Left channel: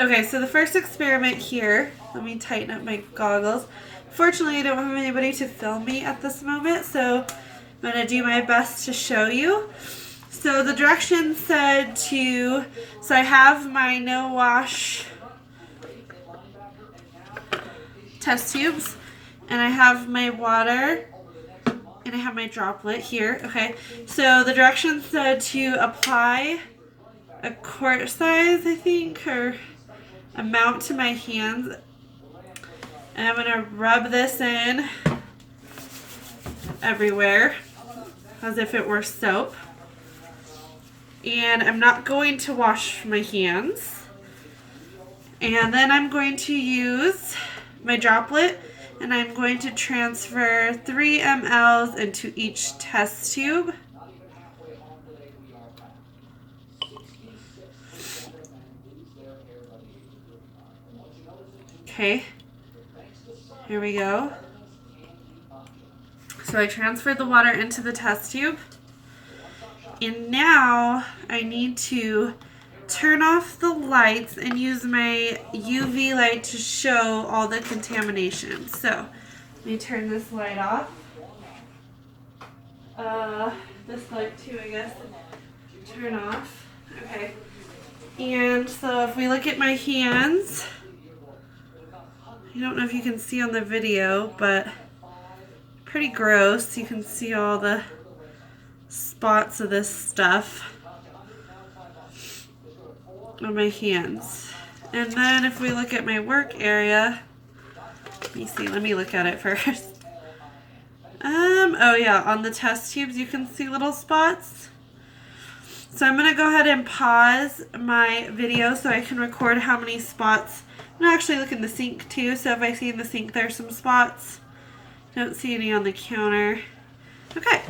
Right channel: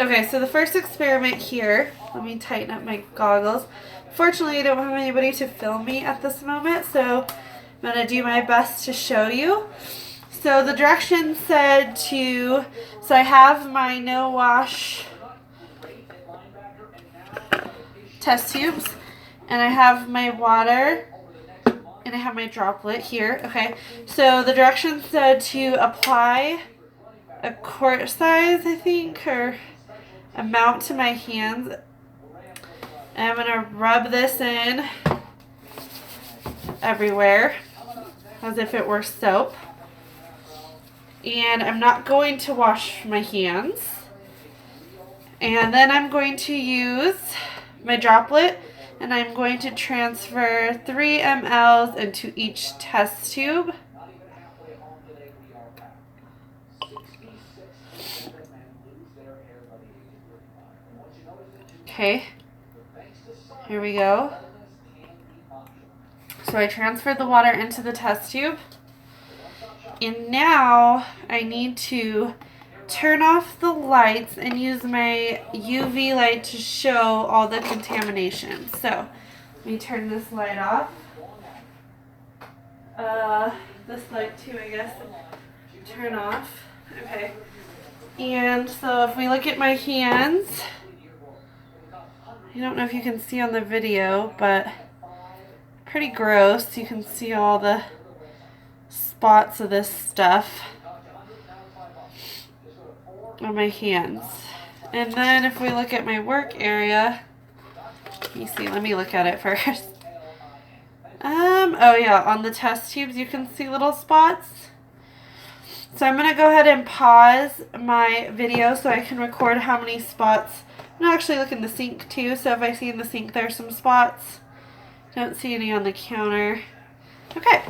Okay, so the first experiment here, let me tighten up my goggles. Fortunately, I don't have anybody to film me at this moment, so I'm going to do my best to show you. So the directions said to, so I have my no wash test tubes, and I have my water, and I have my droplet here. Okay, so the directions said to apply a quart size, I think, or amount to my hands. And I'm gonna rub this in everywhere as if it were soap. And I'm not going to wash my hands. And then I'm going to use my droplet, and I'm going to transfer 3 mLs into each test tube. Okay, here we go. So I transferred the water into the test tube. And now I need to turn off the lights and use my UV light to show all the contamination. So let me turn this light off. This light too, I guess. Turn off. Okay. And so if we look at my hands, I don't know if you can see on the video, but pretty gross. You can see all the spots of this stuff on my hands. And then if we look at my work area, let me look at it first. Oh yeah, on the test tubes you can see little spots. So I'm gonna go ahead and pause my video so I can record how many spots. I'm gonna actually look in the sink too, so if I see in the sink there's some spots. Don't see any on the counter. Okay,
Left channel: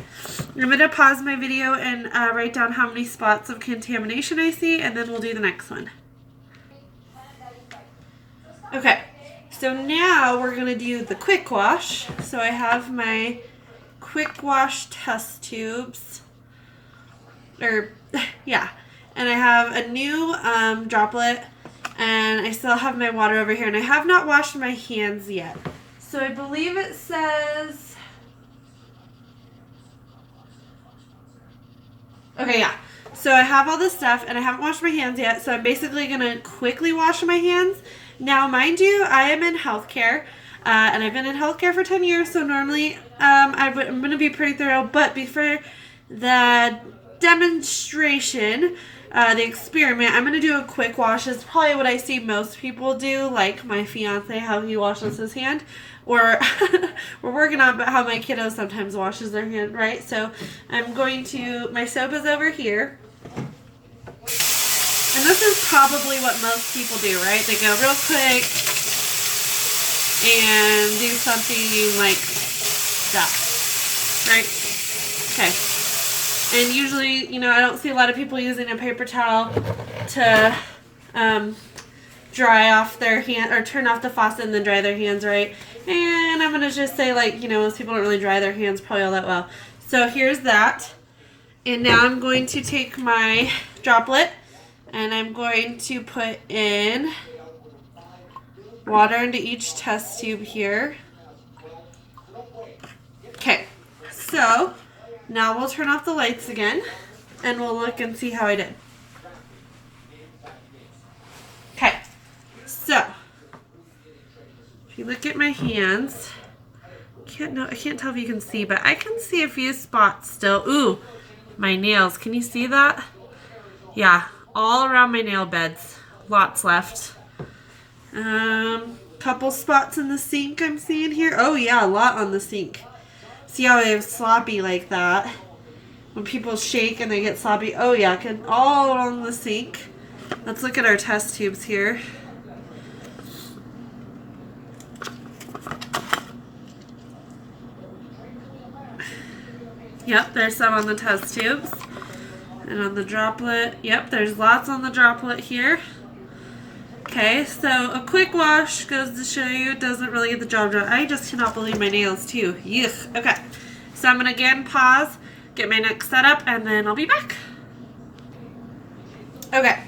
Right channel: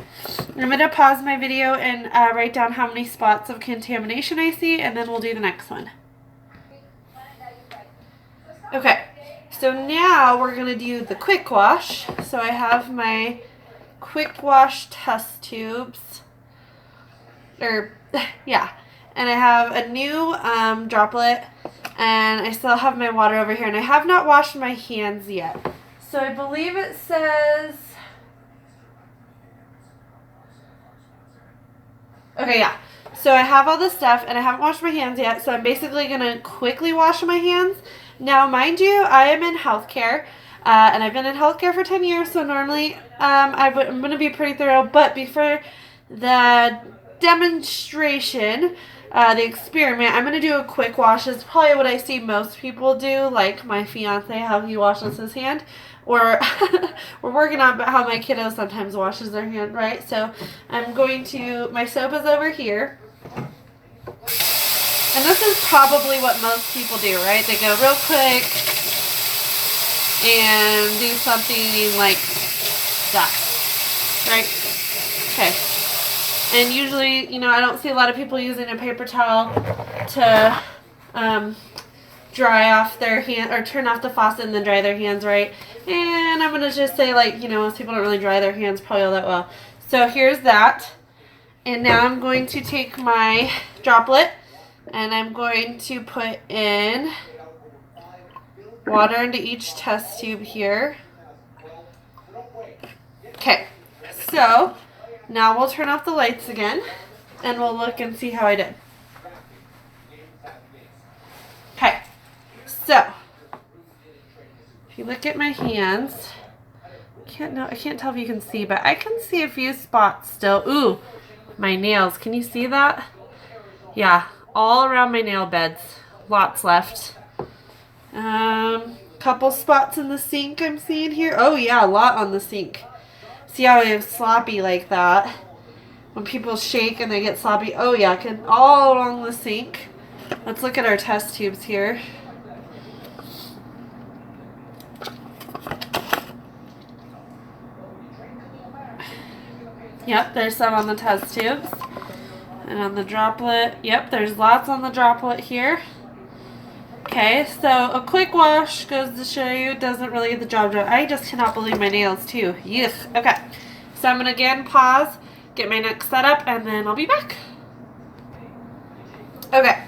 I'm going to pause my video and write down how many spots of contamination I see, and then we'll do the next one. Okay, so now we're going to do the quick wash. So I have my quick wash test tubes, yeah, and I have a new droplet, and I still have my water over here, and I have not washed my hands yet. So I believe it says... Okay, yeah. So I have all this stuff, and I haven't washed my hands yet, so I'm basically going to quickly wash my hands. Now, mind you, I am in healthcare, and I've been in healthcare for 10 years, so normally I'm going to be pretty thorough, but before the demonstration, the experiment, I'm going to do a quick wash. It's probably what I see most people do, like my fiance, how he washes his hand. Or we're working on how my kiddo sometimes washes their hand, right? So I'm going to, my soap is over here. And this is probably what most people do, right? They go real quick and do something like that, right? Okay. And usually, you know, I don't see a lot of people using a paper towel to dry off their hand, or turn off the faucet and then dry their hands, right? And I'm going to just say, like, you know, most people don't really dry their hands probably all that well. So here's that. And now I'm going to take my droplet and I'm going to put in water into each test tube here. Okay, so now we'll turn off the lights again and we'll look and see how I did. Okay, so if you look at my hands, I can't tell if you can see, but I can see a few spots still. Ooh, my nails. Can you see that? Yeah, all around my nail beds. Lots left. Couple spots in the sink I'm seeing here. Oh yeah, a lot on the sink. See how I have sloppy like that? When people shake and they get sloppy. Oh yeah, all along the sink. Let's look at our test tubes here. Yep, there's some on the test tubes. And on the droplet, yep, there's lots on the droplet here. Okay, so a quick wash goes to show you doesn't really get the job done. I just cannot believe my nails too. Yuck. Okay, so I'm going to again pause, get my next setup, and then I'll be back. Okay,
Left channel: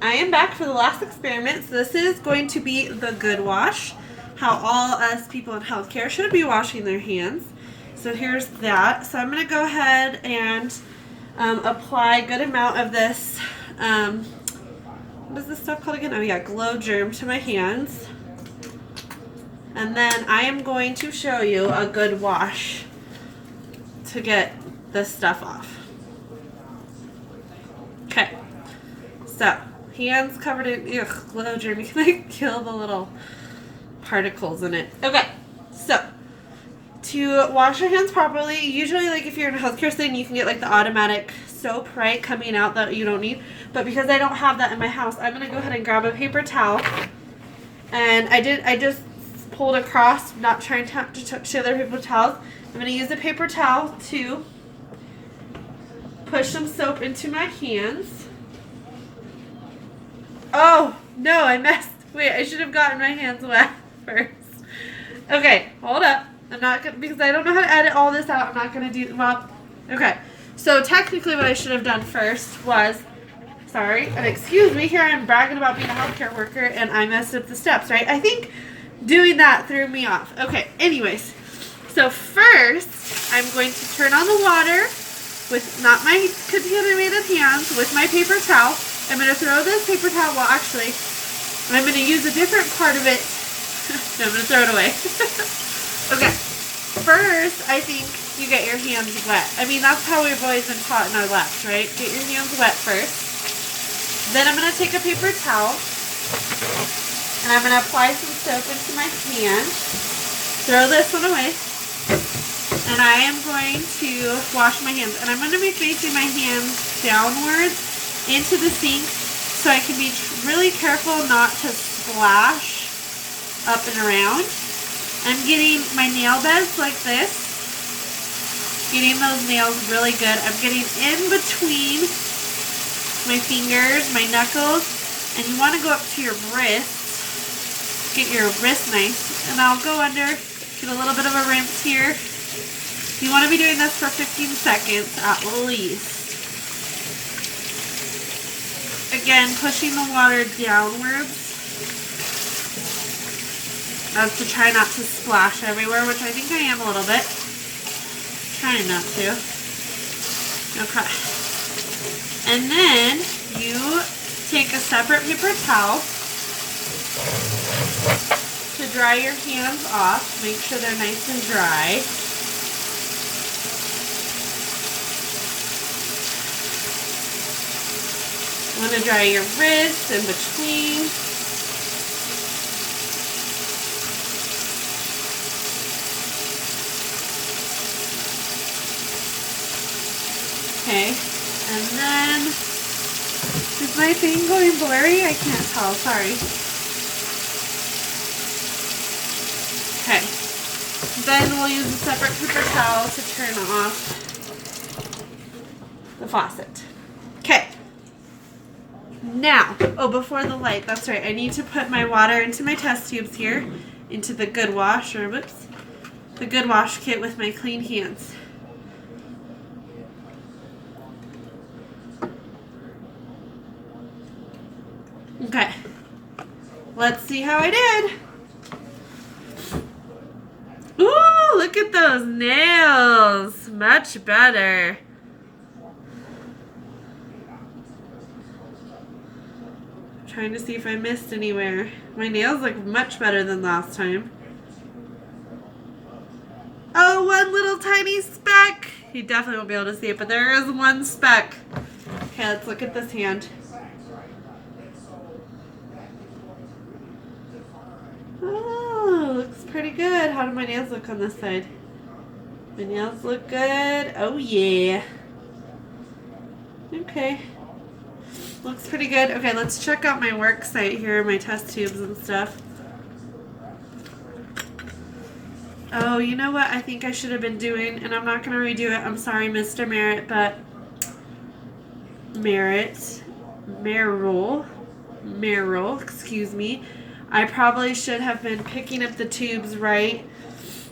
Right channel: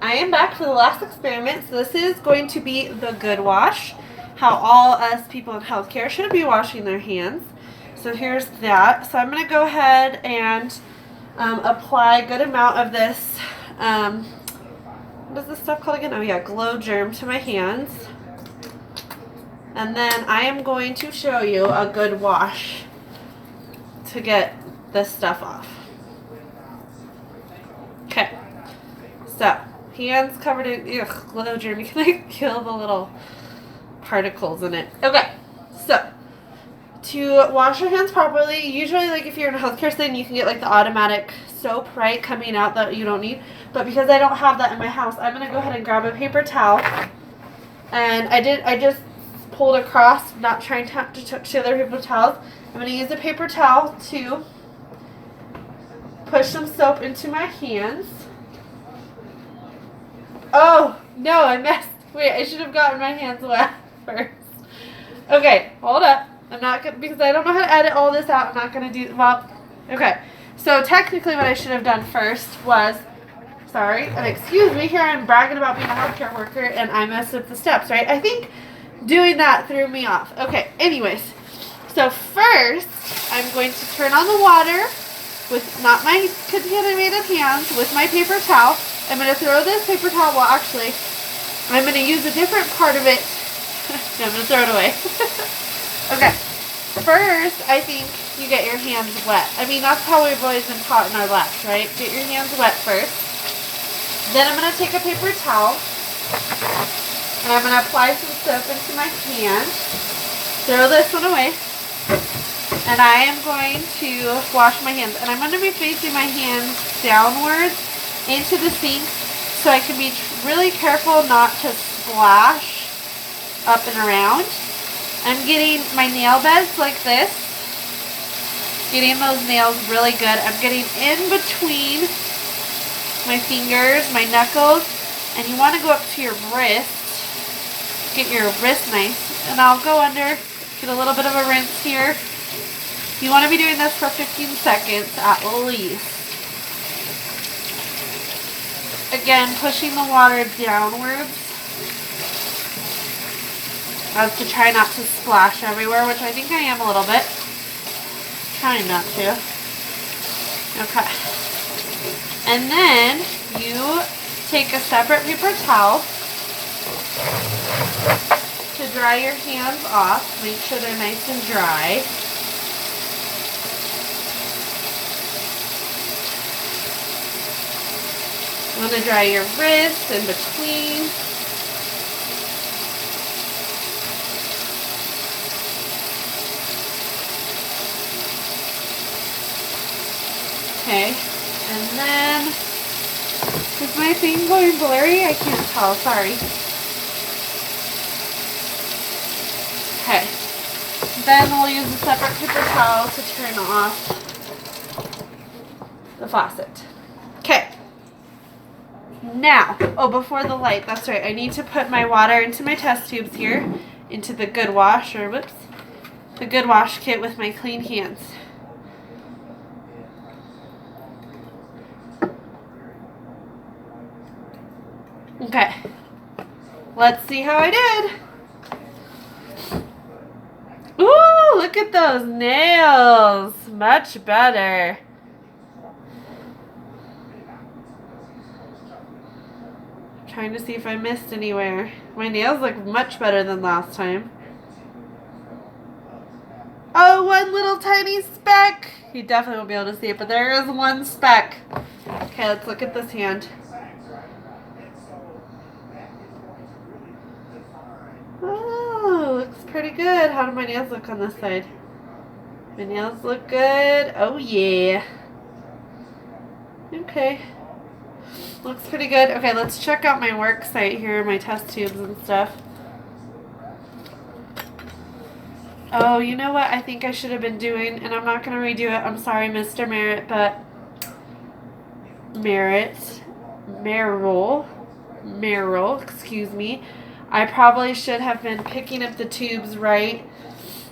I am back for the last experiment. So this is going to be the good wash, how all us people in healthcare should be washing their hands. So here's that. So I'm going to go ahead and apply a good amount of this, what is this stuff called again? Oh yeah, Glow Germ to my hands. And then I am going to show you a good wash to get this stuff off. Okay, so hands covered in Glow Germ. You can like kill the little particles in it. Okay, so to wash your hands properly, usually like if you're in a healthcare setting, you can get like the automatic soap, right, coming out that you don't need. But because I don't have that in my house, I'm gonna go ahead and grab a paper towel. And I just pulled across, not trying to touch the other paper towels. I'm gonna use a paper towel to push some soap into my hands. Oh no, I messed. Wait, I should have gotten my hands wet first. Okay, hold up. I'm not gonna, because I don't know how to edit all this out. I'm not gonna do, well, okay. So technically what I should have done first was, sorry, and excuse me, here I'm bragging about being a healthcare worker and I messed up the steps, right? I think doing that threw me off. Okay, anyways. So first, I'm going to turn on the water with not my contaminated hands, with my paper towel. I'm going to throw this paper towel, well actually, I'm going to use a different part of it. No, I'm going to throw it away. Okay, first, I think you get your hands wet. I mean, that's how we've always been taught in our labs, right? Get your hands wet first. Then I'm going to take a paper towel, and I'm going to apply some soap into my hand. Throw this one away. And I am going to wash my hands. And I'm going to be facing my hands downwards into the sink so I can be really careful not to splash up and around. I'm getting my nail beds like this. Getting those nails really good. I'm getting in between my fingers, my knuckles, and you want to go up to your wrist. Get your wrist nice. And I'll go under, get a little bit of a rinse here. You want to be doing this for 15 seconds at least. Again, pushing the water downwards as to try not to splash everywhere, which I think I am a little bit. Trying not to. Okay. And then you take a separate paper towel to dry your hands off. Make sure they're nice and dry. You want to dry your wrists in between. Okay, and then, is my thing going blurry? I can't tell, sorry. Okay, then we'll use a separate paper towel to turn off the faucet. Okay, now, oh, before the light, that's right, I need to put my water into my test tubes here, into the Good Wash, or whoops, the Good Wash kit with my clean hands. Okay, let's see how I did. Ooh, look at those nails. Much better. Trying to see if I missed anywhere. My nails look much better than last time. Oh, one little tiny speck. You definitely won't be able to see it, but there is one speck. Okay, let's look at this hand. Oh, looks pretty good. How do my nails look on this side? My nails look good. Oh, yeah. Okay. Looks pretty good. Okay, let's check out my work site here, my test tubes and stuff. Oh, you know what I think I should have been doing, and I'm not going to redo it. I'm sorry, Mr. Merritt, but Merrill, excuse me. I probably should have been picking up the tubes right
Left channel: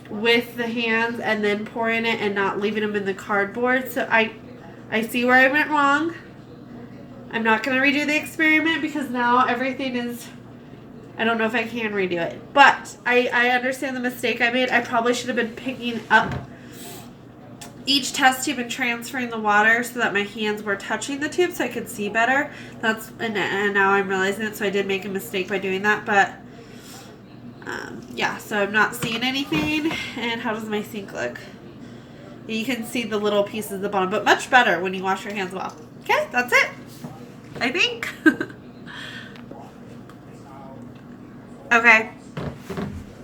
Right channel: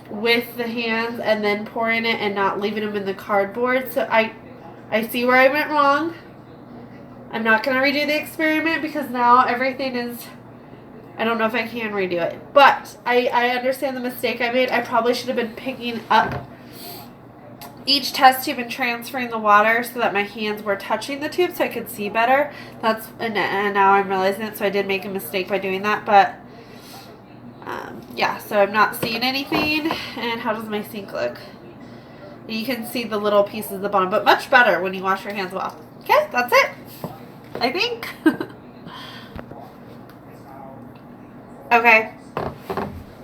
with the hands and then pouring it and not leaving them in the cardboard. So I see where I went wrong. I'm not going to redo the experiment because now everything is, I don't know if I can redo it. But I understand the mistake I made. I probably should have been picking up each test tube and transferring the water so that my hands were touching the tube so I could see better. And now I'm realizing it, so I did make a mistake by doing that. But yeah, so I'm not seeing anything. And how does my sink look? You can see the little pieces at the bottom, but much better when you wash your hands well. Okay, that's it, I think. Okay,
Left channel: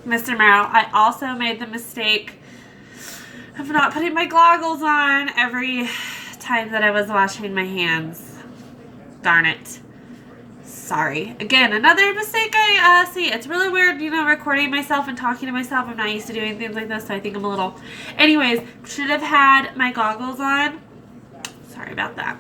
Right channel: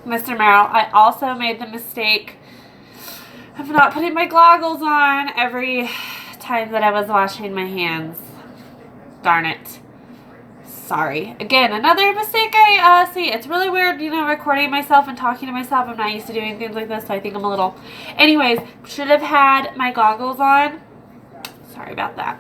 Mr. Merrill, I also made the mistake of not putting my goggles on every time that I was washing my hands. Darn it. Sorry. Again, another mistake I see. It's really weird, you know, recording myself and talking to myself. I'm not used to doing things like this, so I think I'm a little... Anyways, should have had my goggles on. Sorry about that.